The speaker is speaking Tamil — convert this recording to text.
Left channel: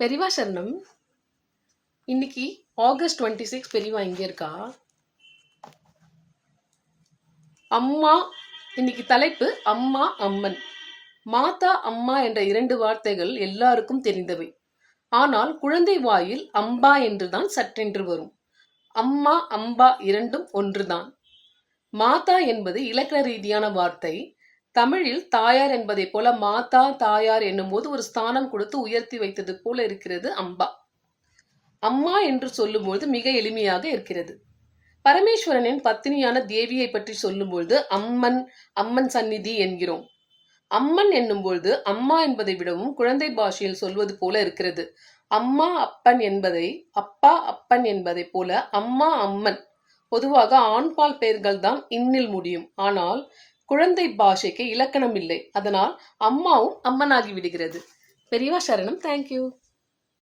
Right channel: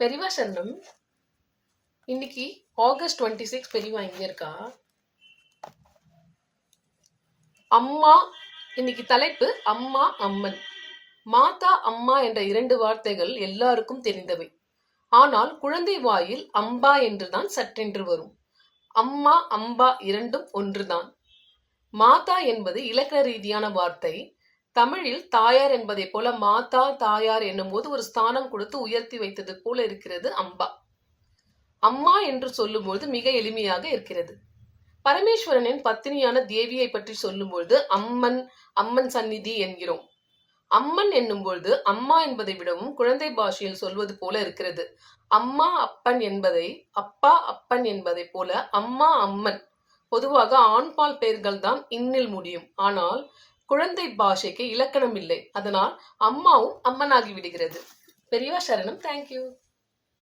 பெரியவா சரணம். இன்னைக்கு ஆகஸ்ட் டுவெண்ட்டி சிக்ஸ் பெரியவா இங்கே இருக்கா? அம்மா இன்னைக்கு தலைப்பு அம்மா அம்மன். மாதா அம்மா என்ற இரண்டு வார்த்தைகள் எல்லாருக்கும் தெரிந்தவை. ஆனால் குழந்தை வாயில் அம்பா என்றுதான் சற்றென்று வரும். அம்மா அம்பா இரண்டும் ஒன்றுதான். மாதா என்பது இலக்கண ரீதியான வார்த்தை. தமிழில் தாயார் என்பதை போல மாதா தாயார் என்னும் போது ஒரு ஸ்தானம் கொடுத்து உயர்த்தி வைத்தது போல இருக்கிறது அம்பா. அம்மா என்று சொல்லும்போது மிக எளிமையாக இருக்கிறது. பரமேஸ்வரனின் பத்தினியான தேவியை பற்றி சொல்லும்பொழுது அம்மன் அம்மன் சந்நிதி என்கிறோம். அம்மன் என்னும்பொழுது அம்மா என்பதை விடவும் குழந்தை பாஷையில் சொல்வது போல இருக்கிறது. அம்மா அப்பன் என்பதை அப்பா அப்பன் என்பதை போல அம்மா அம்மன் பொதுவாக ஆண்பால் பெயர்கள் தான் இன்னில் முடியும். ஆனால் குழந்தை பாஷைக்கு இலக்கணம் இல்லை. அதனால் அம்மாவும் அம்மனாகி விடுகிறது. பெரியவா சரணம். தேங்க்யூ